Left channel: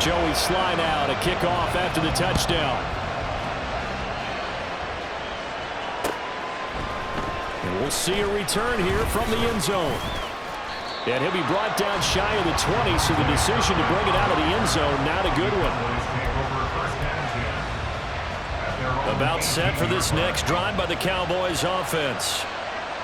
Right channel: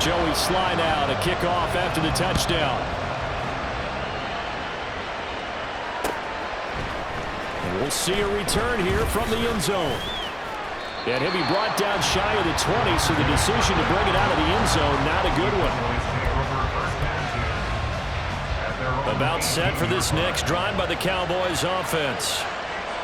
Joey slide out, a kickoff after the touchdown. And we'll see a return here from the end zone. And he'll be brought down shy of the 20, so the decision to bring it out of the end zone, not a good one. About set for this next drive by the Cowboys offense.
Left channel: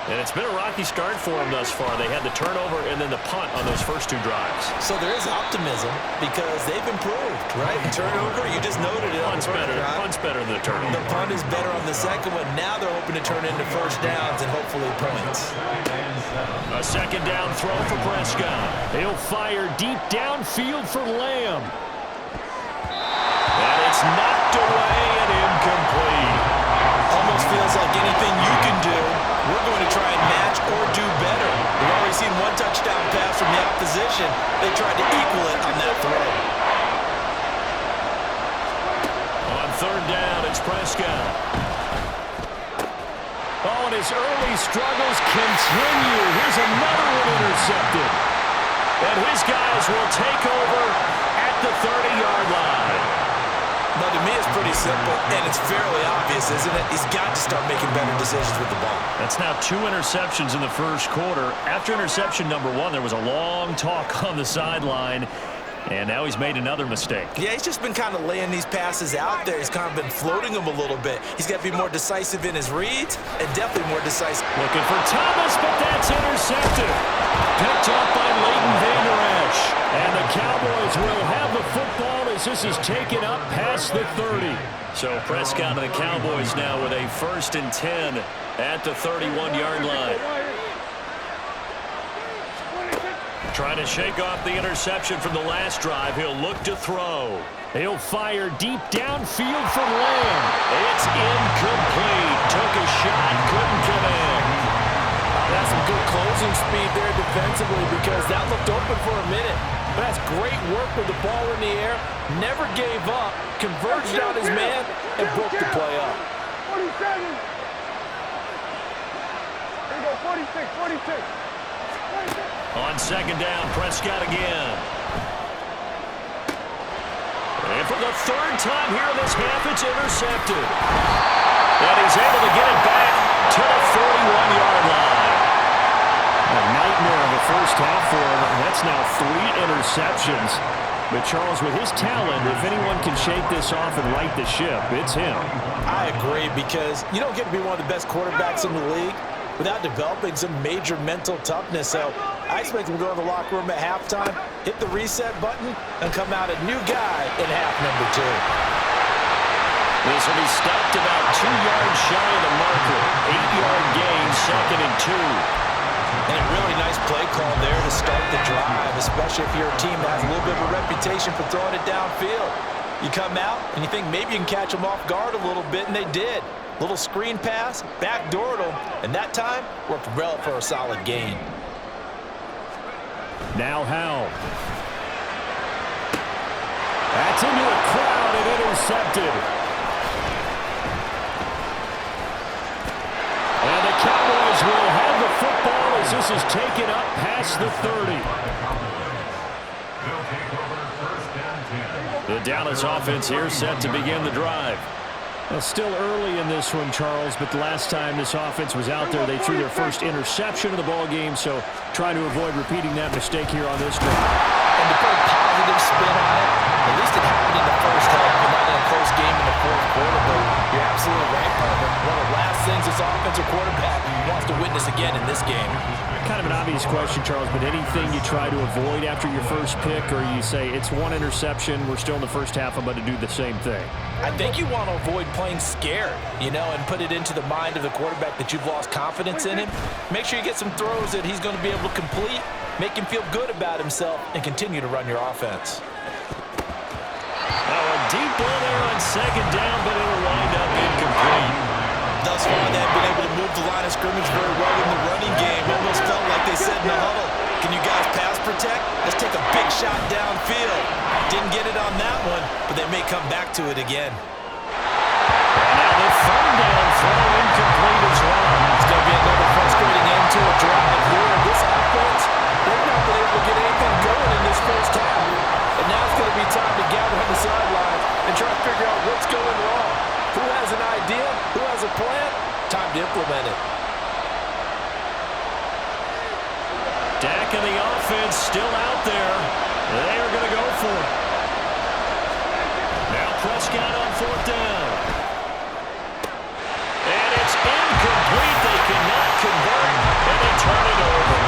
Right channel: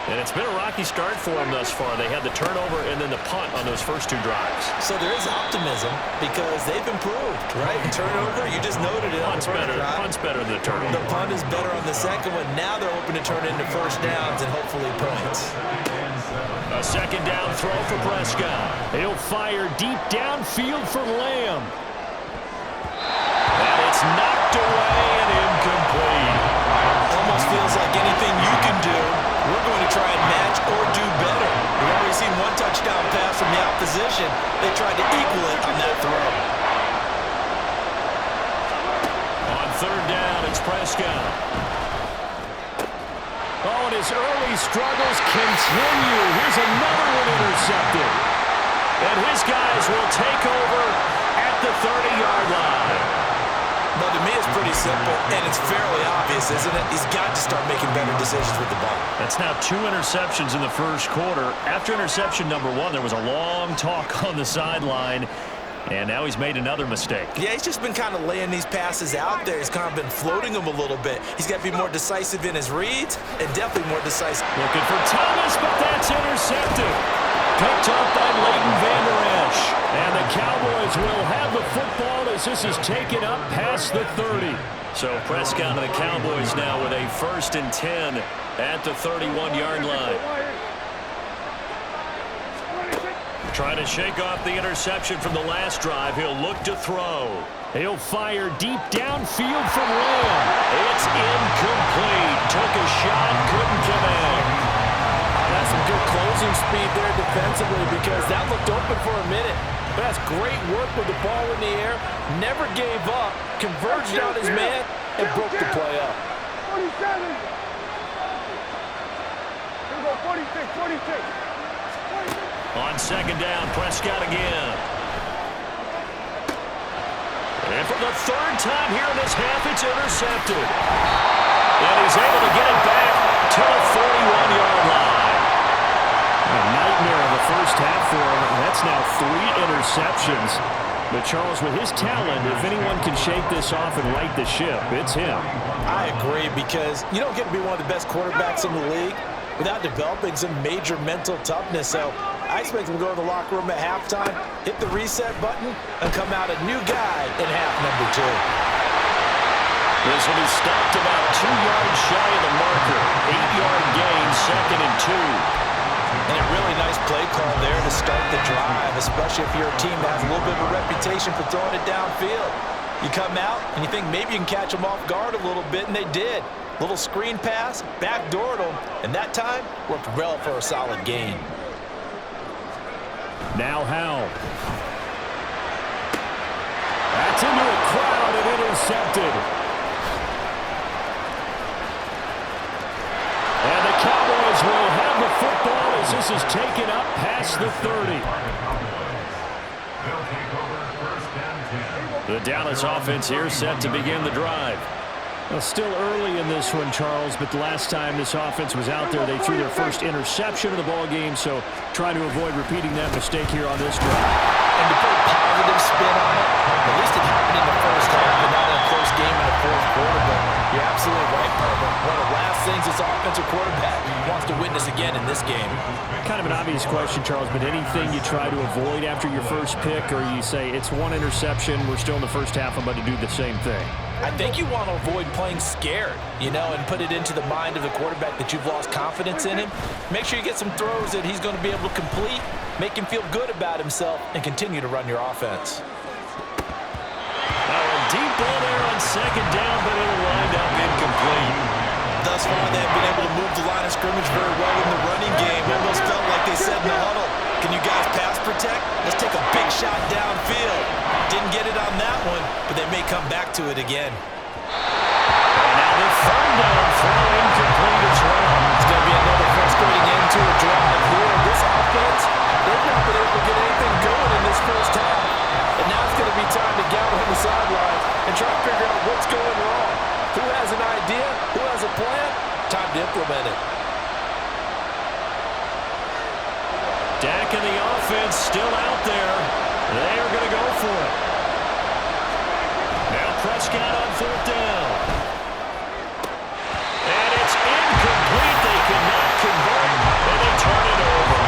And it's been a rocky start for them thus far. They had the turnover and then the punt on those first two drives. So there is optimism because they've improved, right? Turnover, you just noted it. Punt's better. Punt's better than the turnover. The punt is better on the second one. Now they're hoping to turn it into first downs and hopefully points. A second down throw for Prescott. He'll fire deep downfield for Lamb. And it's knocked away and incomplete. Almost feels like anything you can do, we're going to try and match or do better. We've already seen one touchdown pass from the opposition. They tried to equal it on that throw. On third down, it's Prescott. Oh, and his early struggles continue. Here's another one intercepted. And his guys will take over at the 30-yard line. But to me, it's pretty simple, and it's fairly obvious, isn't it? He's got to start making better decisions with the ball. That's now 2 interceptions in the first quarter. After interception number 1, there was a long talk on the sideline, and now he's made another mistake. Yeah, he's just been kind of laying these passes out there. He's kind of been floating them a little bit. He's got to be more decisive in his reads and definitely more decisive. Looking for Thomas, but that's intercepted. Picked up by Leighton Vander Esch. And the Cowboys will have the football as this is taken up past the 30. So Prescott and the Cowboys now with a 1st and 10 at the 31-yard line. Trying to shake off the interception from the last drive. He'll look to throw. He'll fire deep downfield for Lamb. It's incomplete. Took a shot, couldn't connect. That's some good closing speed there defensively because that looked open for a minute. But that's great work with the ball in the air. Never gave up. Converged on his man and broke the play up. 47. Here we go, 46, 46. 46. On second down, Prescott again. And for the 3rd time here in this half, it's intercepted. And he's able to get it back to the 41-yard line. A nightmare of a first half for him. That's now 3 interceptions. But Charles, with his talent, if anyone can shake this off and right the ship, it's him. I agree because you don't get to be one of the best quarterbacks in the league without developing some major mental toughness. So I expect him to go to the locker room at halftime, hit the reset button, and come out a new guy in half number 2. This will be stopped about 2 yards shy of the marker. 8-yard gain, 2nd and 2. And a really nice play call there to start the drive, especially if you're a team that has a little bit of a reputation for throwing it downfield. You come out and you think maybe you can catch them off guard a little bit, and they did. Little screen pass, backdoored them, and that time worked well for a solid gain. Now Howell. That's into a crowd and intercepted. And the Cowboys will have the football as this is taken up past the 30. The Dallas offense here set to begin the drive. Well, still early in this one, Charles, but the last time this offense was out there, they threw their first interception of the ball game, so trying to avoid repeating that mistake here on this drive. And to put a positive spin on it, at least it happened in the first half and not in a close game in the fourth quarter, but you're absolutely right, partner. One of the last things this offensive quarterback wants to witness again in this game. Kind of an obvious question, Charles, but anything you try to avoid after your first pick, or you say it's 1 interception, we're still in the first half, I'm about to do the same thing? I think you want to avoid playing scared, and put it into the mind of the quarterback that you've lost confidence in him. Make sure you get some throws that he's going to be able to complete, make him feel good about himself, and continue to run your offense. Now a deep ball there on second down, but it'll wind up incomplete. Thus far, they've been able to move the line of scrimmage very well in the running game. Almost felt like they said in the huddle, can you guys pass protect? Let's take a big shot downfield. Didn't get it on that one, but they may come back to it again. And now the 3rd down throw incomplete as well. It's going to be another frustrating end to a drive here. This offense, they've not been able to get anything going in this first half. And now it's going to be time to and try to figure out what's going wrong. Who has an idea? Who has a plan? Time to implement it. Dak and the offense still out there. They are going to go for it. Now Prescott on 4th down. And it's incomplete. They cannot convert, and they turn it over.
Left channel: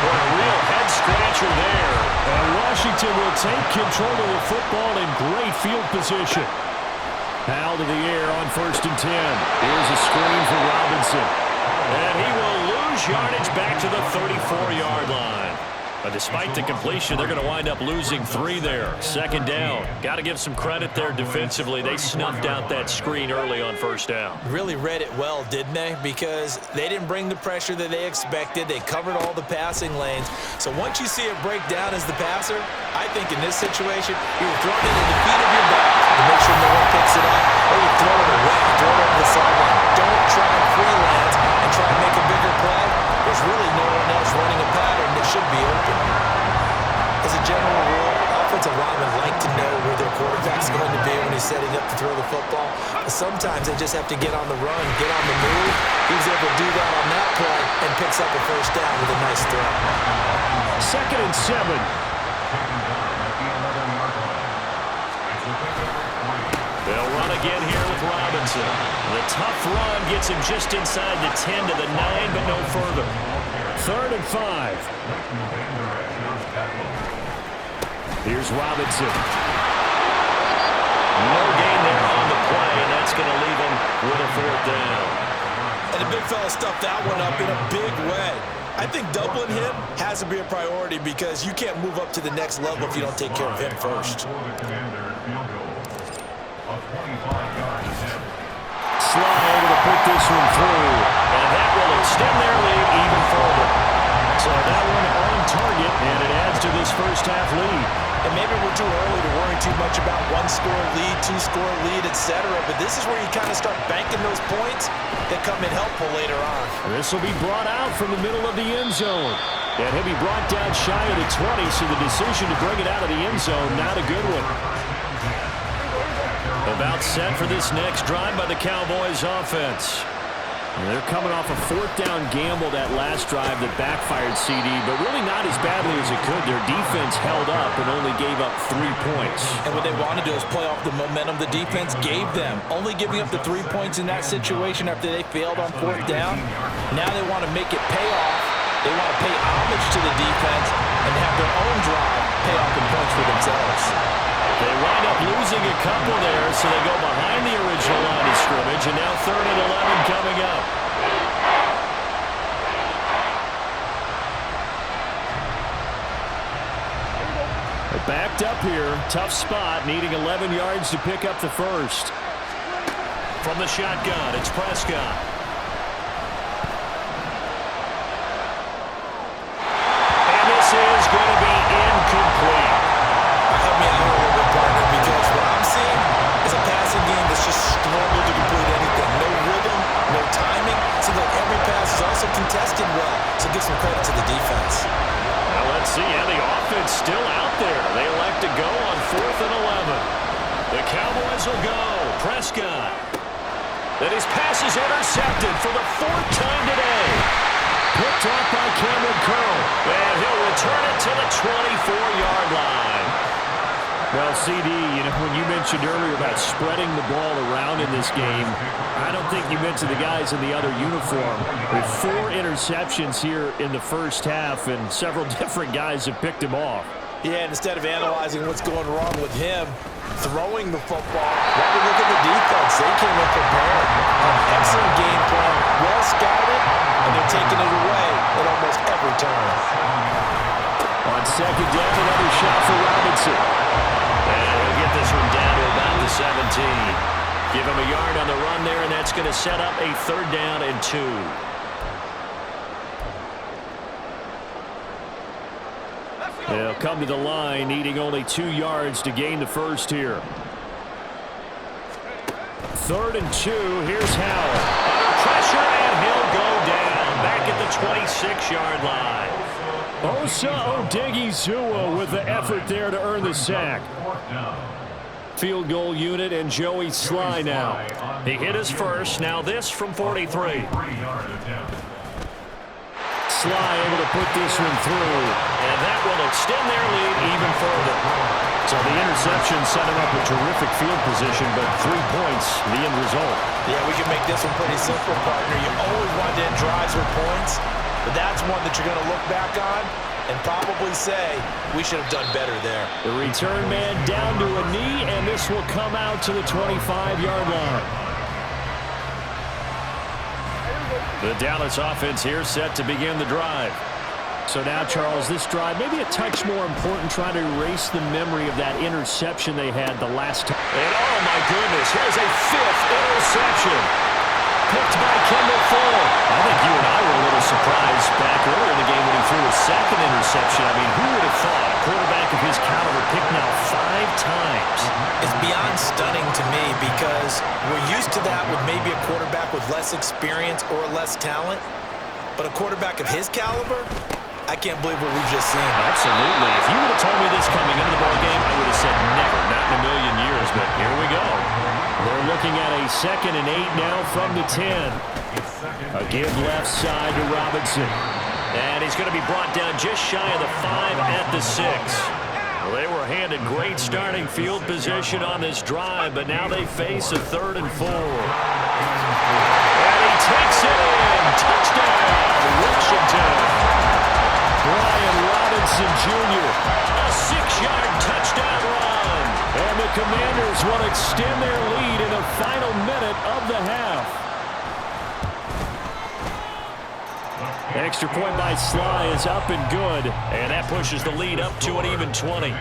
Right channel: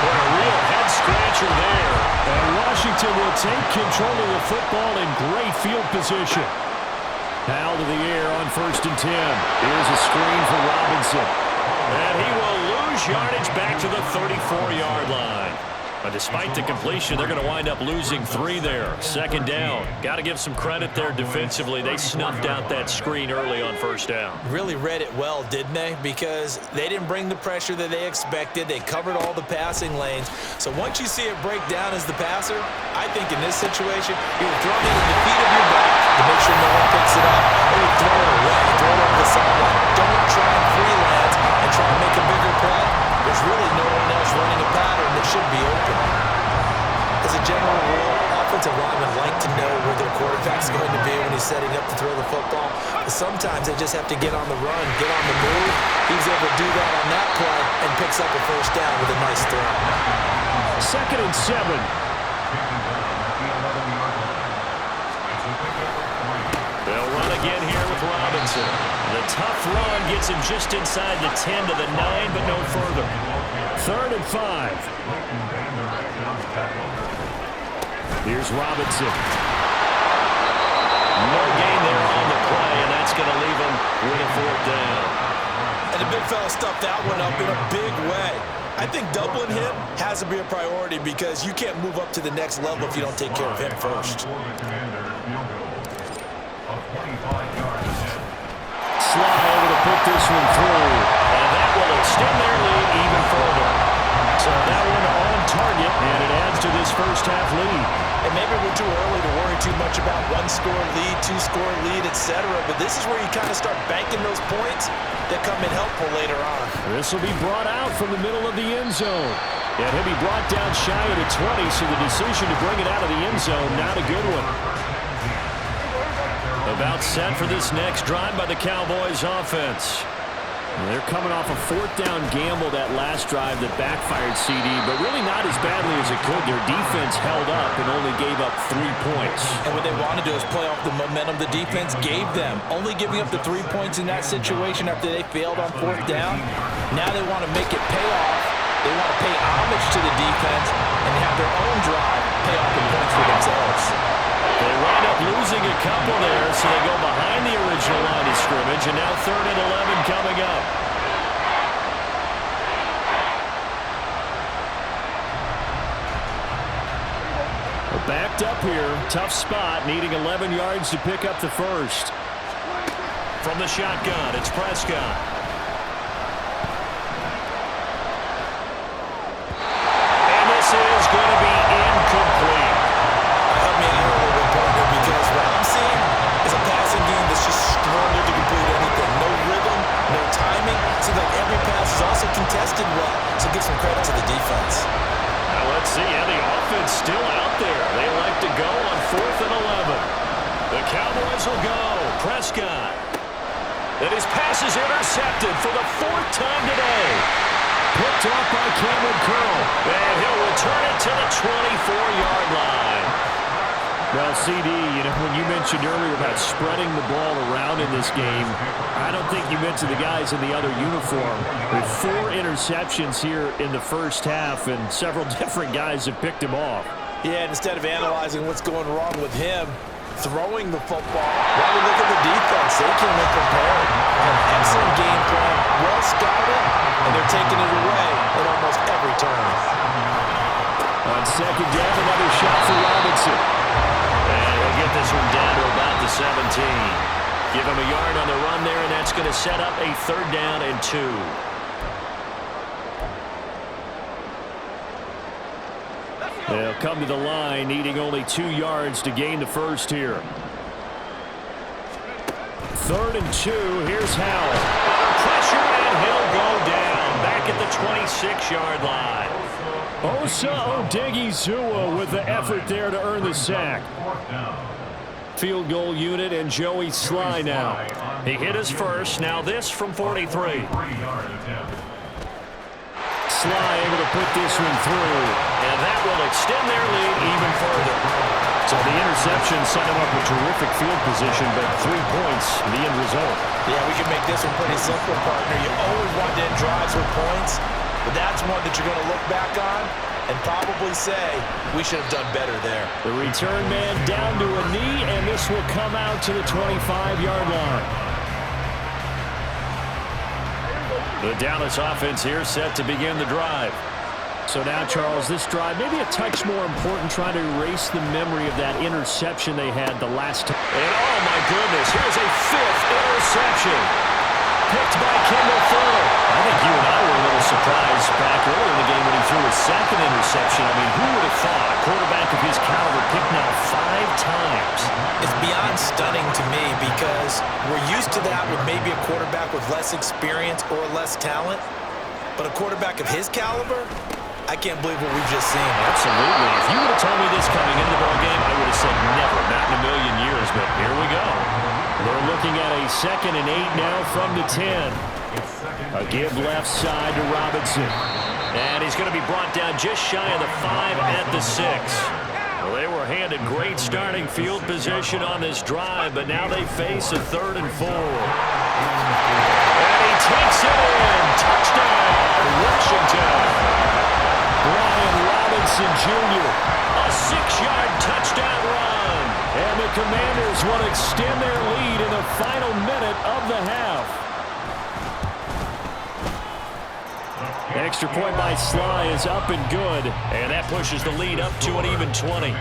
What a real head-scratcher there. And Washington will take control of the football in great field position. Powell to the air on 1st and 10. Here's a screen for Robinson. And he will lose yardage back to the 34-yard line. But despite the completion, they're going to wind up losing 3 there. 2nd down. Got to give some credit there defensively. They snuffed out that screen early on 1st down. Really read it well, didn't they? Because they didn't bring the pressure that they expected. They covered all the passing lanes. So once you see it break down as the passer, I think in this situation, you're throwing it in the feet of your back to make sure no one picks it up, or you throw it away, throw it over the sideline. Don't try and freelance and try and make a bigger play. There's really no one else running a pattern that should be open. As a general rule, offensive linemen like to know where their quarterback's going to be when he's setting up to throw the football. But sometimes they just have to get on the run, get on the move. He was able to do that on that play and picks up a 1st down with a nice throw. 2nd and 7. They'll run again here with Robinson. The tough run gets him just inside the 10 to the 9, but no further. 3rd and 5. Here's Robinson. No gain there on the play, and that's going to leave him with a 4th down. And the big fella stuffed that one up in a big way. I think doubling him has to be a priority because you can't move up to the next level if you don't take care of him first. Sly able to put this one through. And that will extend their lead even further. So that one on target, and it adds to this first half lead. And maybe we're too early to worry too much about 1-score lead, 2-score lead, etc. But this is where you kind of start banking those points that come in helpful later on. This will be brought out from the middle of the end zone. And he'll be brought down shy of the 20, so the decision to bring it out of the end zone, not a good one. About set for this next drive by the Cowboys offense. They're coming off a 4th down gamble that last drive that backfired CD, but really not as badly as it could. Their defense held up and only gave up 3 points. And what they want to do is play off the momentum the defense gave them. Only giving up the 3 points in that situation after they failed on 4th down. Now they want to make it pay off. They want to pay homage to the defense and have their own drive pay off in points for themselves. They wind up losing a couple there, so they go behind the original line of scrimmage, and now 3rd and 11 coming up. They're backed up here. Tough spot, needing 11 yards to pick up the first. From the shotgun, it's Prescott. And this is going to be incomplete. Help me out here a little bit, partner, because what I'm seeing is a passing game that's just struggled to complete anything. No rhythm, no timing. Seems like every pass is also contested well, so give some credit to the defense. Now let's see how the offense still out there. They elect to go on 4th and 11. The Cowboys will go. Prescott. And his pass is intercepted for the 4th time today. Picked off by Cameron Curl. And he'll return it to the 24-yard line. Well, CD, when you mentioned earlier about spreading the ball around in this game, I don't think you mentioned the guys in the other uniform. With 4 interceptions here in the first half, and several different guys have picked him off. Yeah, and instead of analyzing what's going wrong with him, throwing the football, why don't we look at the defense? They came in prepared. An excellent game plan, well scouted, and they're taking it away at almost every turn. On 2nd down, another shot for Robinson. And he'll get this one down to about the 17. Give him a yard on the run there, and that's going to set up a 3rd down and 2. They'll come to the line, needing only 2 yards to gain the first here. 3rd and 2. Here's Howell. Under pressure, and he'll go down back at the 26-yard line. Osa Odighizuwa with the effort there to earn the sack. field goal unit, and Joey Sly now. He hit his first. Now this from 43. Sly able to put this one through. And that will extend their lead even further. So the interception set him up with terrific field position, but 3 points, the end result. Yeah, we can make this one pretty simple, partner. You always want to end drives with points, but that's one that you're going to look back on and probably say, we should have done better there. The return man down to a knee, and this will come out to the 25-yard line. The Dallas offense here set to begin the drive. So now, Charles, this drive maybe a touch more important, trying to erase the memory of that interception they had the last time. And oh my goodness, here's a 5th interception. Picked by Kendall Fuller. I think you and I were a little surprised back earlier in the game when he threw his 2nd interception. I mean, who would have thought a quarterback of his caliber picked now 5 times? It's beyond stunning to me because we're used to that with maybe a quarterback with less experience or less talent. But a quarterback of his caliber, I can't believe what we've just seen. Absolutely. If you would have told me this coming into the ballgame, I would have said never, not in a million years, but here we go. They're looking at a 2nd and 8 now from the 10. A give left side to Robinson. And he's going to be brought down just shy of the 5 at the 6. Well, they were handed great starting field position on this drive, but now they face a 3rd and 4. And he takes it in. Touchdown, Washington. Brian Robinson Jr. A 6-yard touchdown run. And the Commanders will extend their lead in the final minute of the half. Extra point by Sly is up and good. And that pushes the lead up to an even 20.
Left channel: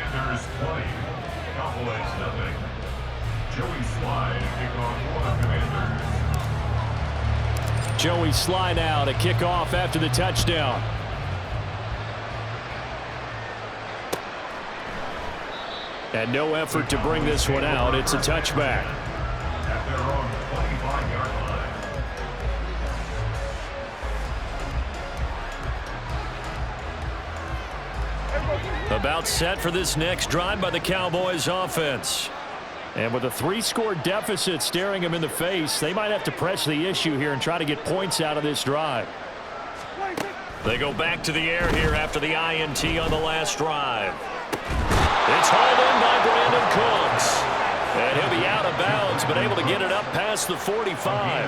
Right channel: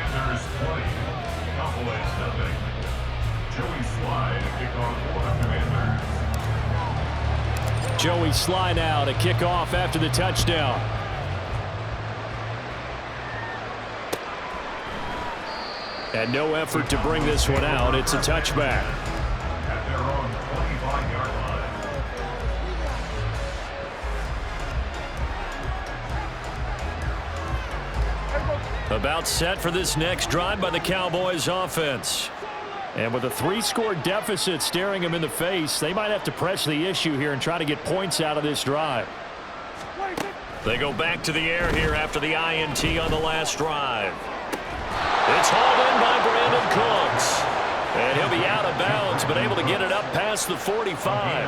Joey Sly now to kick off after the touchdown. And no effort to bring this one out. It's a touchback. At their own 25-yard line. About set for this next drive by the Cowboys offense. And with a 3-score deficit staring them in the face, they might have to press the issue here and try to get points out of this drive. They go back to the air here after the INT on the last drive. It's hauled in by Brandon Cooks. And he'll be out of bounds, but able to get it up past the 45.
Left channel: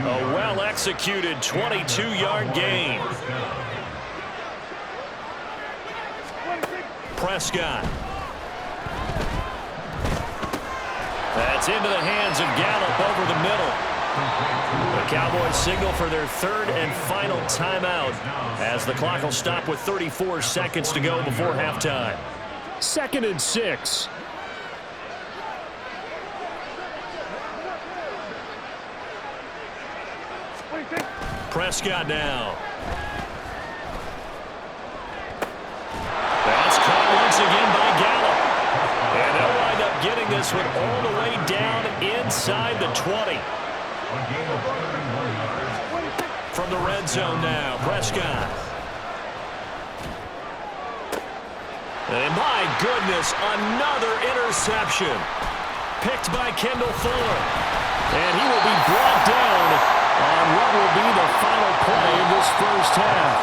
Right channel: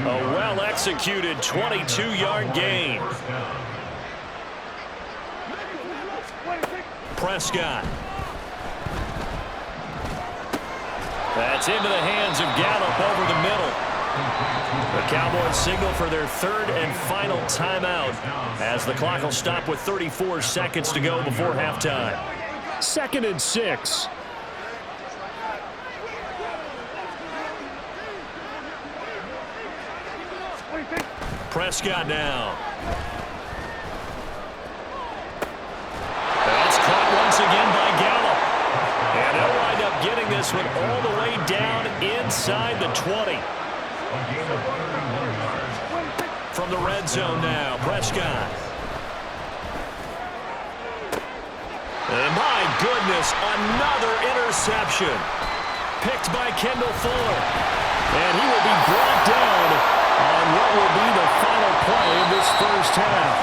A well-executed 22-yard gain. Prescott. That's into the hands of Gallup over the middle. The Cowboys signal for their 3rd and final timeout as the clock will stop with 34 seconds to go before halftime. 2nd and 6. Prescott now. That's caught once again by Gallup. And they'll wind up getting this one all the way down inside the 20. From the red zone now, Prescott. And my goodness, another interception. Picked by Kendall Fuller. And he will be brought down on what will be the final play of this first half.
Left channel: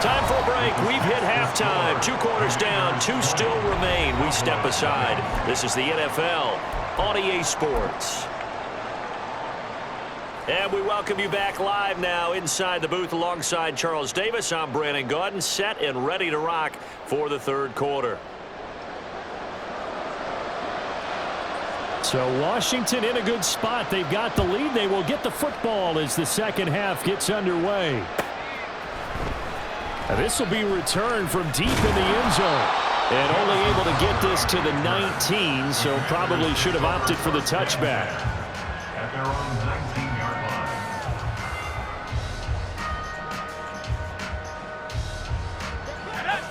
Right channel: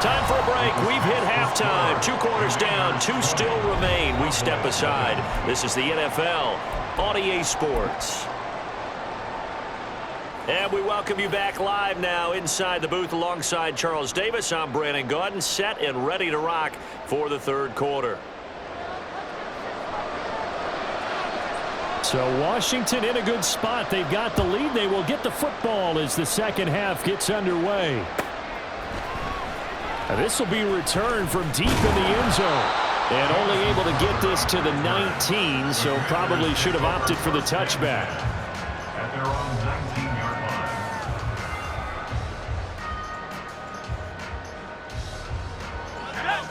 Time for a break. We've hit halftime. 2 quarters down, 2 still remain. We step aside. This is the NFL on EA Sports. And we welcome you back live now inside the booth alongside Charles Davis. I'm Brandon Gaudin, set and ready to rock for the 3rd quarter. So Washington in a good spot. They've got the lead. They will get the football as the second half gets underway. And this will be returned from deep in the end zone. And only able to get this to the 19, so probably should have opted for the touchback. At their own 19-yard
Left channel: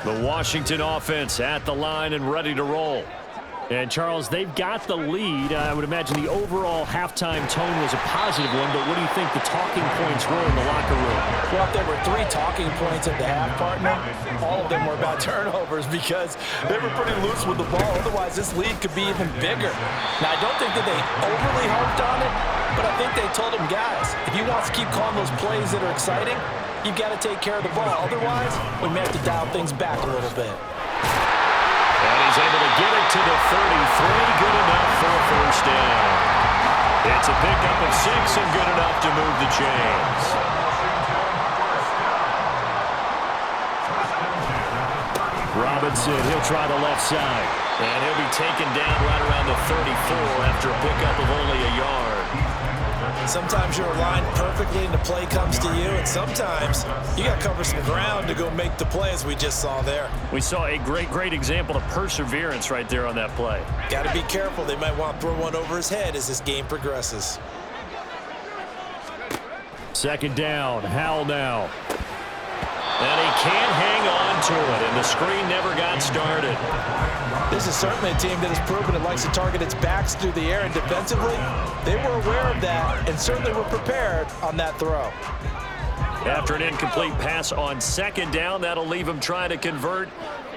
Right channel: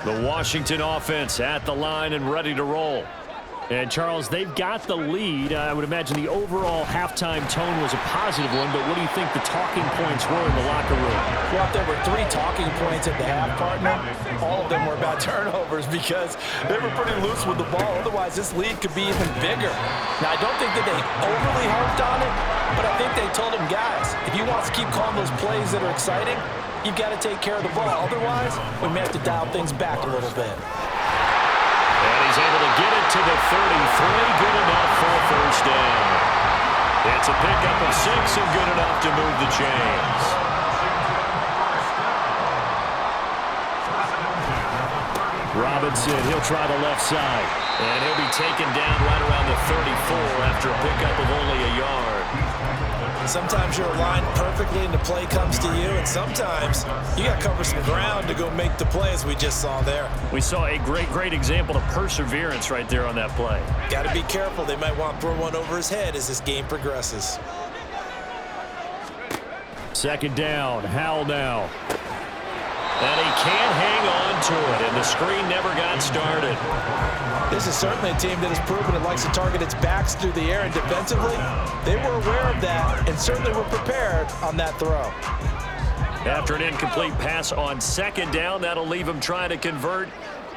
line. The Washington offense at the line and ready to roll. And, Charles, they've got the lead. I would imagine the overall halftime tone was a positive one, but what do you think the talking points were in the locker room? Well, if there were 3 talking points at the half, partner, all of them were about turnovers because they were pretty loose with the ball. Otherwise, this lead could be even bigger. Now, I don't think that they overly harped on it, but I think they told them, guys, if you want to keep calling those plays that are exciting, you've got to take care of the ball. Otherwise, we may have to dial things back a little bit. And he's able to get it to the 33. Good enough for a first down. It's a pickup of 6 and good enough to move the chains. Robinson, he'll try the left side. And he'll be taken down right around the 34 after a pickup of only a yard. Sometimes you're aligned perfectly and the play comes to you, and sometimes you got to cover some ground to go make the play, as we just saw there. We saw a great example of perseverance right there on that play. Got to be careful. They might want to throw one over his head as this game progresses. Second down, Howell now. And he can't hang on to it, and the screen never got started. This is certainly a team that has proven it likes to target its backs through the air, and defensively, they were aware of that and certainly were prepared on that throw. After an incomplete pass on second down, that'll leave him trying to convert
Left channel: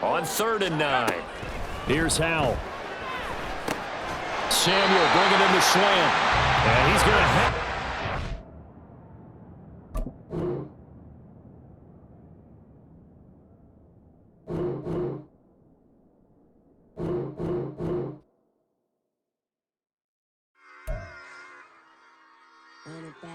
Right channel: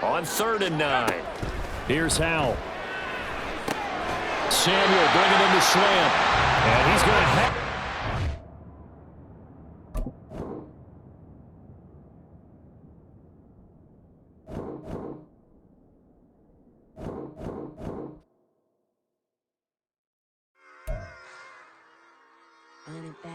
on 3rd and 9. Here's Howell. Samuel bringing in the slant. And he's going to